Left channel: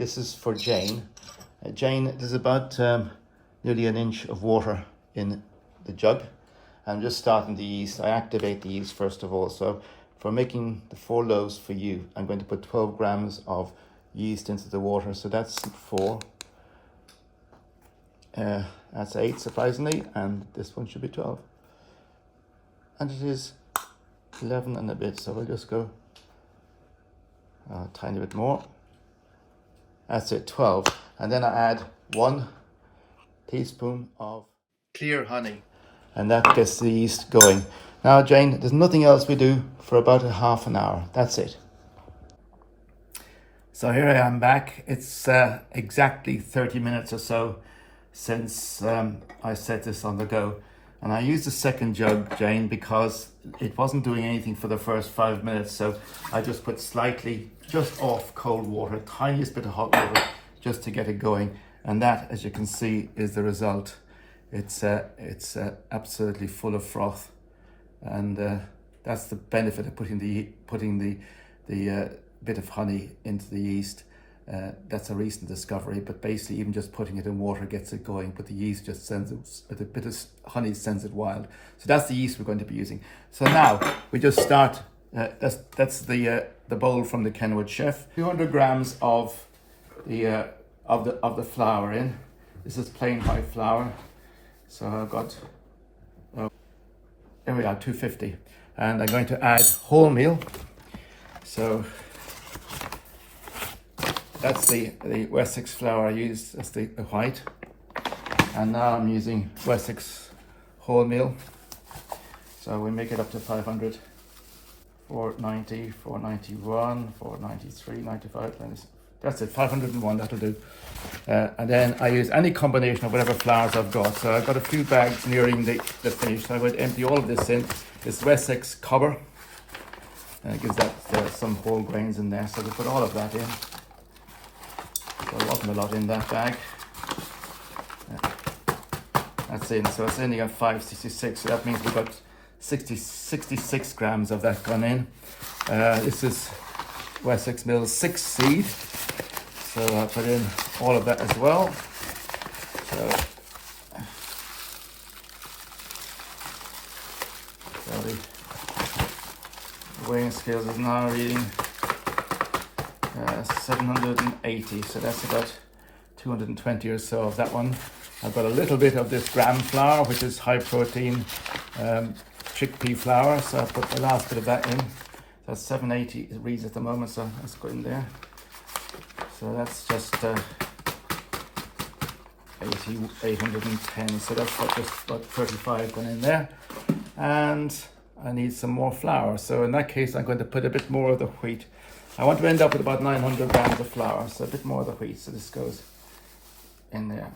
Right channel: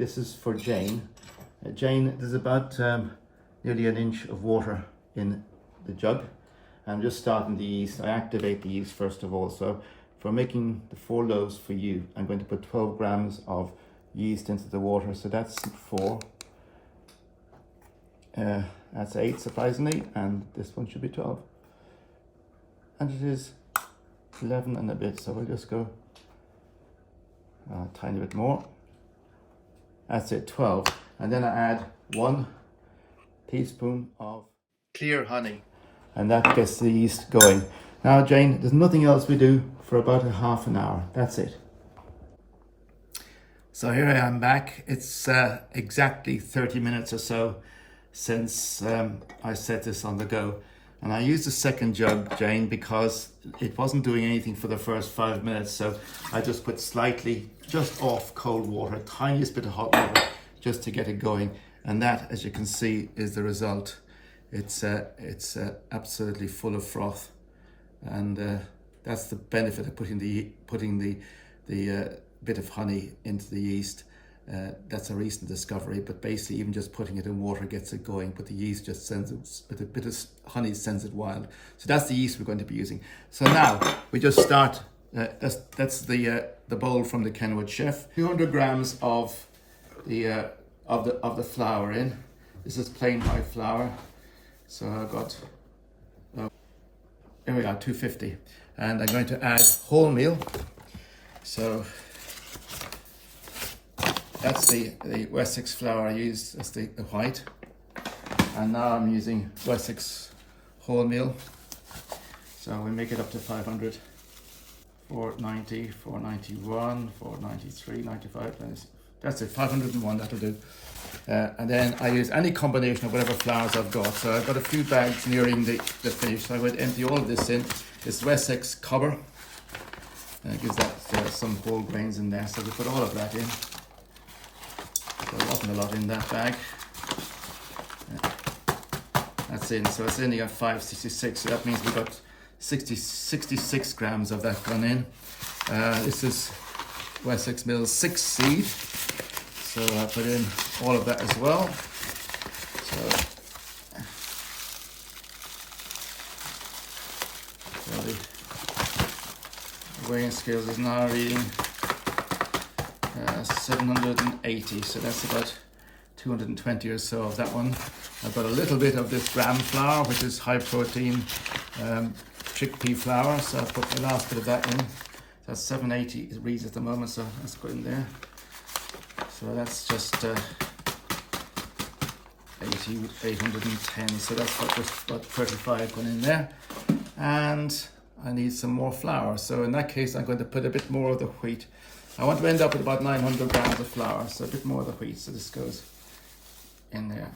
This is for Jane. Jane, there's about nearly an inch of water in the jug. I'm just starting the yeast. I activate the yeast first of all. So for making the 4 loaves for you, I'm going to put 12 grams of yeast into the water. So that's 4. That's 8 surprisingly, and this one should be 12. And it is 11 and a bit, so we'll just go a tiny bit more. That's it, 12. And then I add 1 teaspoon of clear honey, and that gets the yeast going. Now, Jane, there's nothing else we do for about a half an hour. That's it. So here I am back. It's exactly 30 minutes or so since I set this on the go. And I used the second jug, Jane, because it wasn't doing anything for the first 5 minutes. So I just put slightly just off cold water, tiniest bit of hot water, just to get it going. And that, as you can see, is the result. It's absolutely full of froth, and that's the benefit of putting the bit of honey into the yeast. That's a recent discovery, but basically even just putting it in water gets it going, but the yeast just sends it, a bit of honey sends it wild. So that's the yeast we're going to be using. So now we just start, that's the bowl from the Kenwood chef. 200 grams of the flour in. This is plain white flour. So I've got, here we are, 250. And I'm going to add wholemeal. So that's the Wessex flour I used, that's the white. And now I'm using Wessex wholemeal. So we make it up to 500, 490, 491, 493, 95, that's it, 501, that'll do. And then I use any combination of whatever flours I've got. So I've got a few bags nearing the finish. So I would empty all of this in. This Wessex cover gives that some whole grains in there. So we put all of that in. So there wasn't a lot in that bag. That's in. So it's only got 566. So that means we've got 66 grams of that gone in. This is Wessex Mills 6 seed. So I'll put in all of that as well. So the weighing scales is now reading 780. So that's about 220 or so of that one. I've got a little bit of this gram flour, which is high protein chickpea flour. So I'll put the last bit of that in. That's 780 it reads at the moment, so let's go in there. So that's just 810. So that's just about 35 going in there. And I need some more flour. So in that case, I'm going to put a bit more of the wheat. I want to end up with about 900 grams of flour. So a bit more of the wheat. So this goes in there.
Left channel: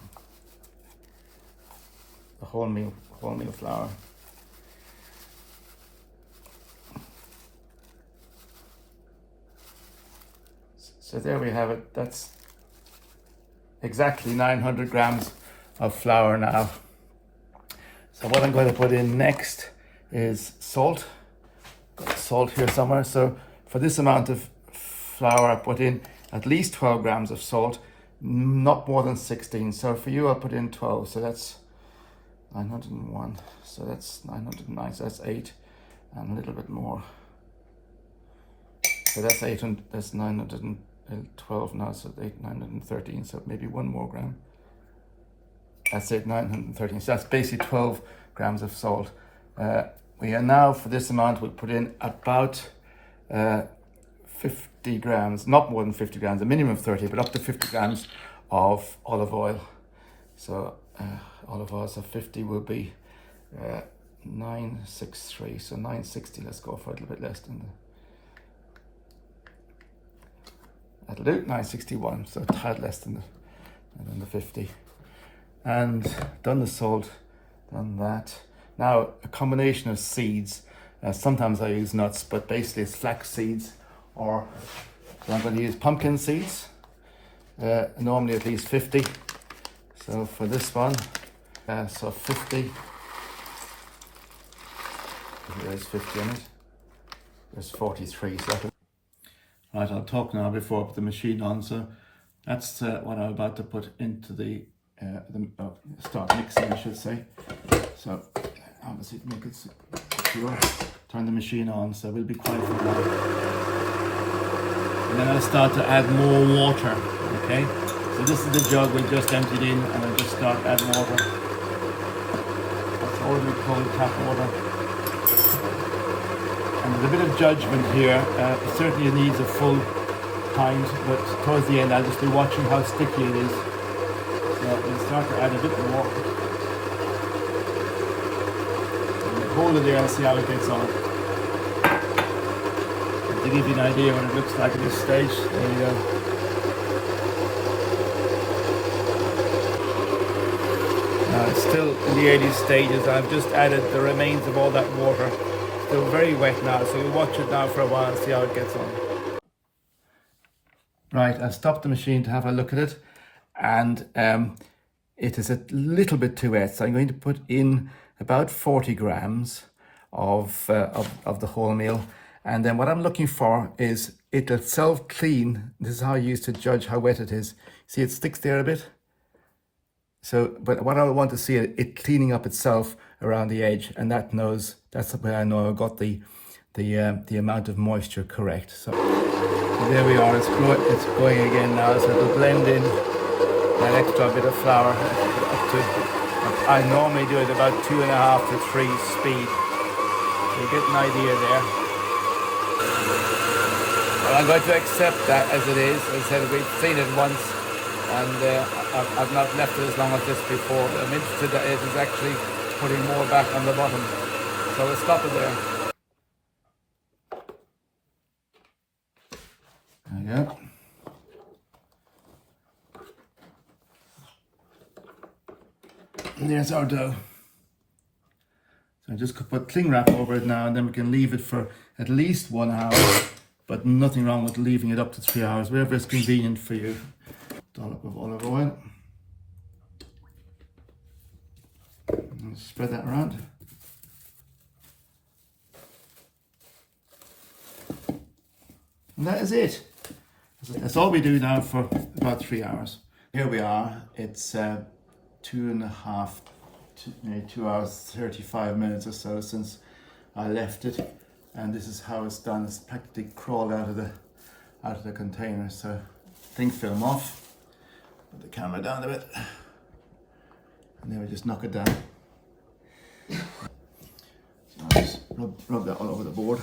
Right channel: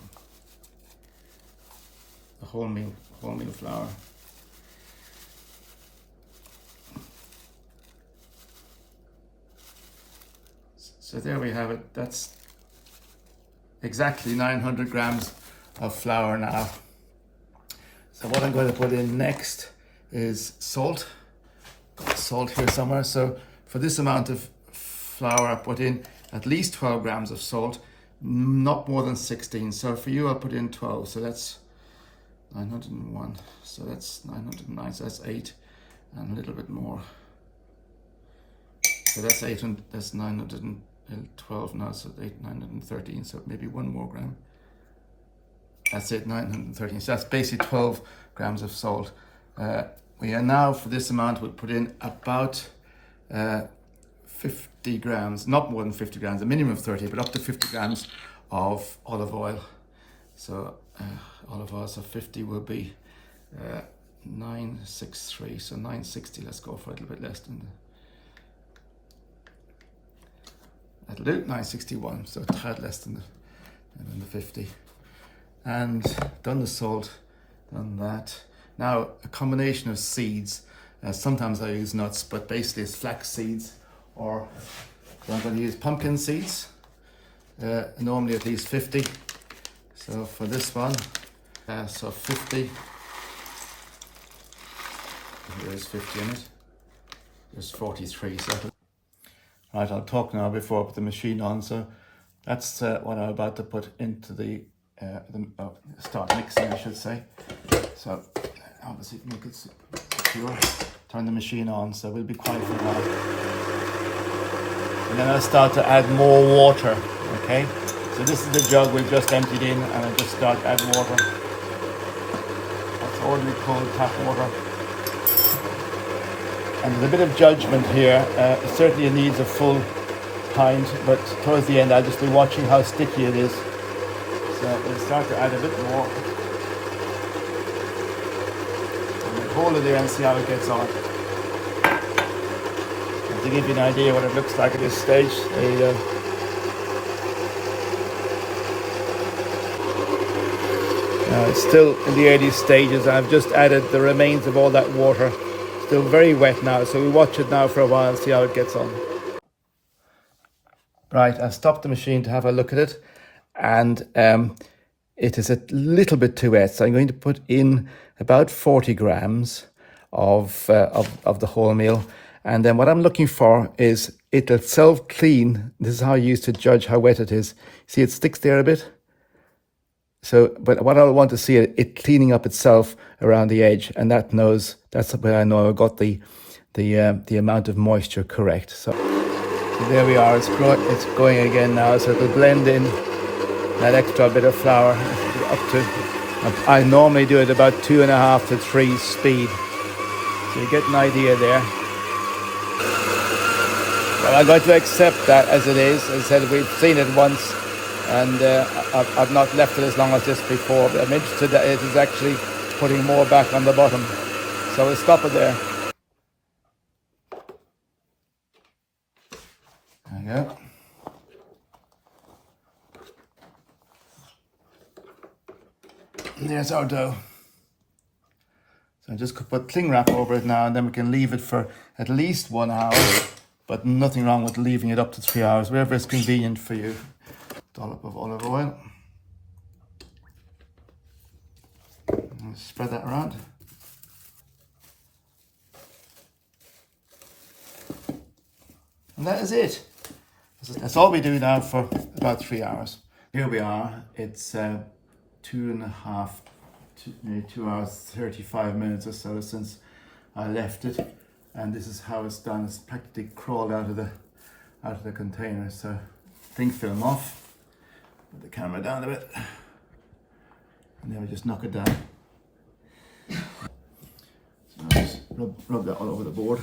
The wholemeal flour. So there we have it. That's exactly 900 grams of flour now. So what I'm going to put in next is salt. Got salt here somewhere. So for this amount of flour, I put in at least 12 grams of salt, not more than 16. So for you, I'll put in 12. So that's 901. So that's 909. So that's 8 and a little bit more. So that's 8 and that's 912 now, so 913, so maybe 1 more gram. That's it, 913. So that's basically 12 grams of salt. We are now, for this amount, we'll put in about 50 grams, not more than 50 grams, a minimum of 30, but up to 50 grams of olive oil. So olive oil, so 50 will be 963, so 960, let's go for a little bit less than that. That'll do, 961, so a tad less than the 50. And done the salt, done that. Now, a combination of seeds. Sometimes I use nuts, but basically it's flax seeds, or I'm going to use pumpkin seeds. Normally at least 50. So for this one, so 50. There's 50 in it. There's 43, so right, I'll talk now before I put the machine on. So That's what I'm about to put into the start mixing, I should say. So obviously make it secure. Turn the machine on, so we'll be quiet for a while. And then I'll start to add more water, okay? So this is the jug we just emptied in, and I'll just start to add water. That's ordinary cold tap water. And there's a bit of judgment here. It certainly needs a full pint, but towards the end I'll just be watching how sticky it is. So we'll start to add a bit more. And we'll hold it there and see how it gets on. And to give you an idea what it looks like at this stage, it's still in the early stages. I've just added the remains of all that water. Still very wet now, so we'll watch it now for a while and see how it gets on. Right, I've stopped the machine to have a look at it, and it is a little bit too wet, so I'm going to put in about 40 grams of the wholemeal, and then what I'm looking for is it'll self-clean. This is how I used to judge how wet it is. See, it sticks there a bit. So, but what I want to see it cleaning up itself around the edge, and that's where I know I got the amount of moisture correct. So there we are. It's going again now. So to blend in that extra bit of flour up to, I normally do it about 2.5 to 3 speed. So you get an idea there. But I got to accept that as it is. As I said, we've seen it once. And I've not left it as long as this before, but I'm interested that it is actually putting more back on the bottom. So we'll stop it there. There you go. And there's our dough. So I just put cling wrap over it now, and then we can leave it for at least 1 hour, but nothing wrong with leaving it up to 3 hours, wherever is convenient for you. Dollop of olive oil. And spread that around. And that is it. That's all we do now for about 3 hours. Here we are. It's 2 hours 35 minutes or so since I left it, and this is how it's done. It's practically crawled out of the container. So cling film off. Put the camera down a bit, and then we just knock it down. Just rub that all over the board.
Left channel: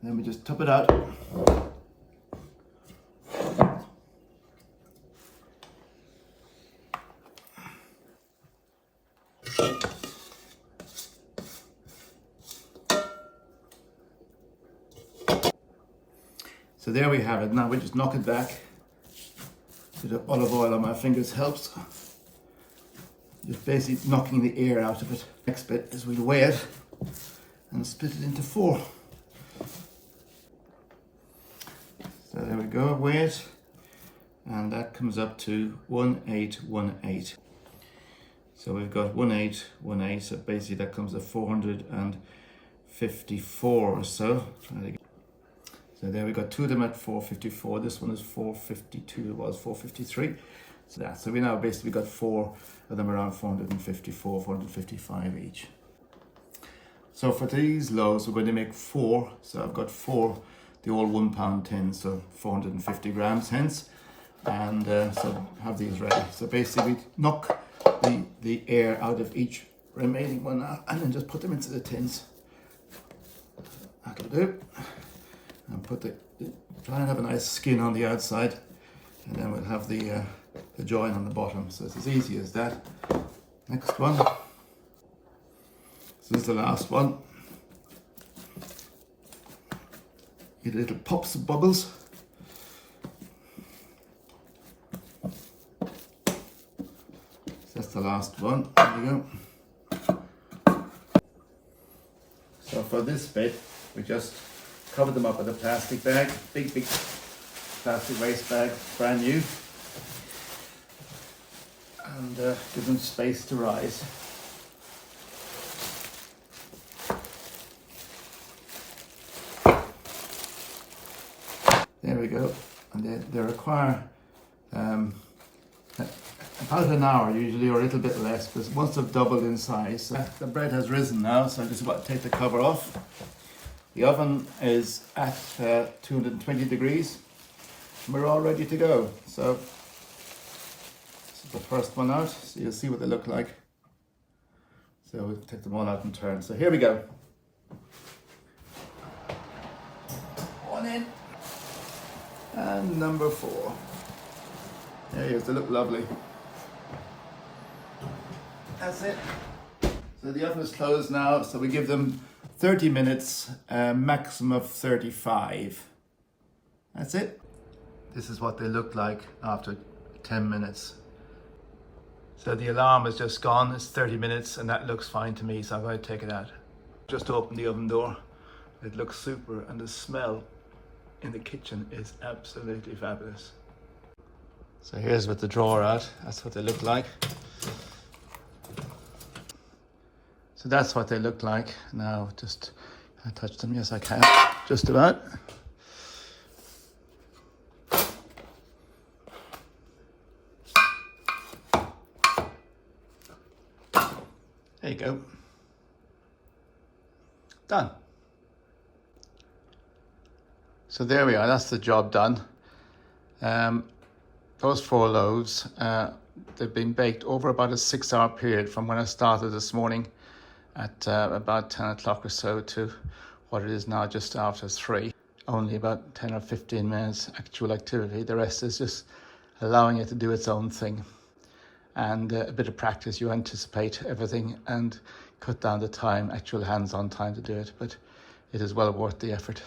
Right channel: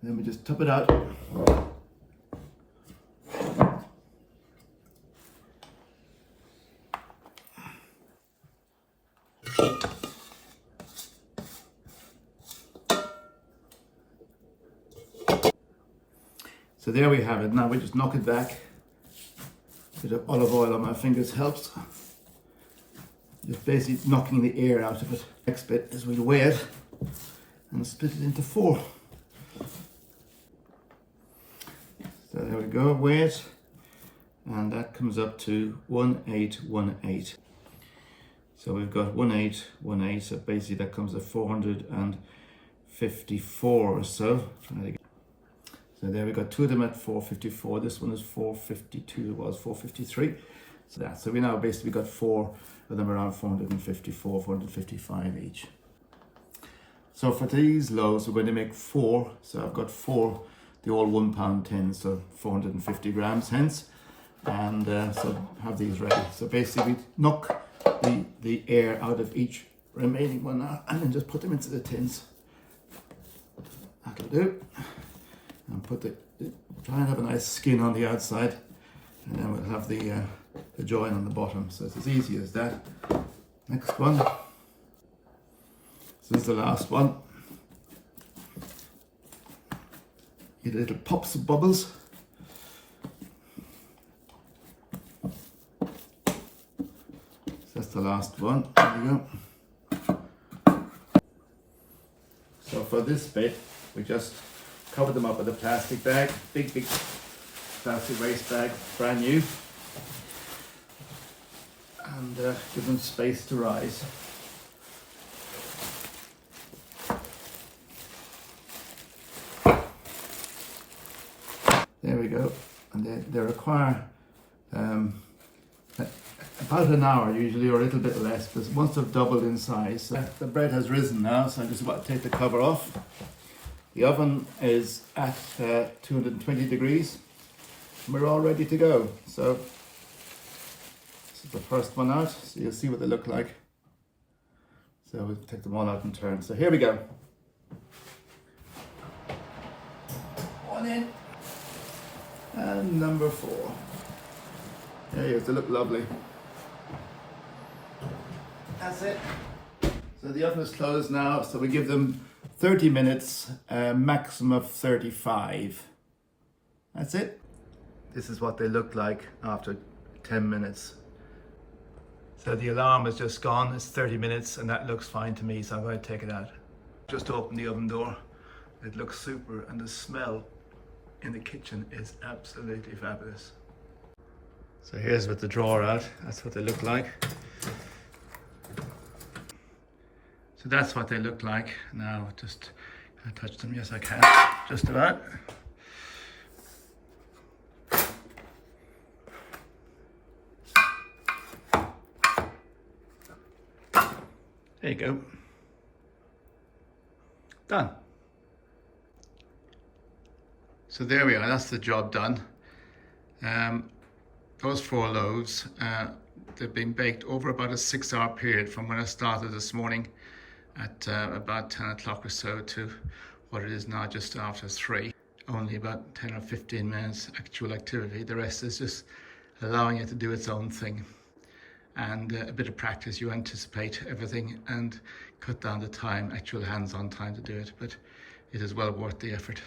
And then we just top it out. So there we have it. Now we just knock it back. A bit of olive oil on my fingers helps. Just basically knocking the air out of it. Next bit is we weigh it and split it into 4. So there we go, weigh it. And that comes up to 1818. So we've got 1818. So basically that comes to 454 or so. So there we got 2 of them at 454. This one is 452. It was 453. So we now basically got 4 of them around 454, 455 each. So for these loaves, we're going to make 4. So I've got 4, the all 1 pound tins, so 450 grams hence. And so have these ready. So basically we knock the air out of each remaining one now, and then just put them into the tins. That'll do. And try and have a nice skin on the outside, and then we'll have the join on the bottom. So it's as easy as that. Next one. So this is the last one. Get little pops of bubbles. So that's the last one. There you go. So for this bit, we just cover them up with a plastic bag, big plastic waste bag, brand new, and give them space to rise. There we go. and they require about an hour usually, or a little bit less, but once they've doubled in size. So the bread has risen now, so I'm just about to take the cover off. The oven is at 220 degrees. And we're all ready to go. So this is the first one out, so you'll see what they look like. So we'll take them all out in turn. So here we go. One in. And number 4. There he is, they look lovely. That's it. So the oven is closed now, so we give them 30 minutes, maximum of 35. That's it. This is what they look like after 10 minutes. So the alarm is just gone, it's 30 minutes, and that looks fine to me, so I'm going to take it out. Just open the oven door. It looks super, and the smell in the kitchen is absolutely fabulous. So here's with the drawer out, that's what they look like. So that's what they look like. Now just, can I touch them? Yes I can, just about. There you go. Done. So there we are, that's the job done. Those 4 loaves, they've been baked over about a 6-hour period from when I started this morning at about 10 o'clock or so to what it is now just after 3. Only about 10 or 15 minutes actual activity. The rest is just allowing it to do its own thing. And a bit of practice, you anticipate everything and cut down the time, actual hands-on time to do it, but it is well worth the effort.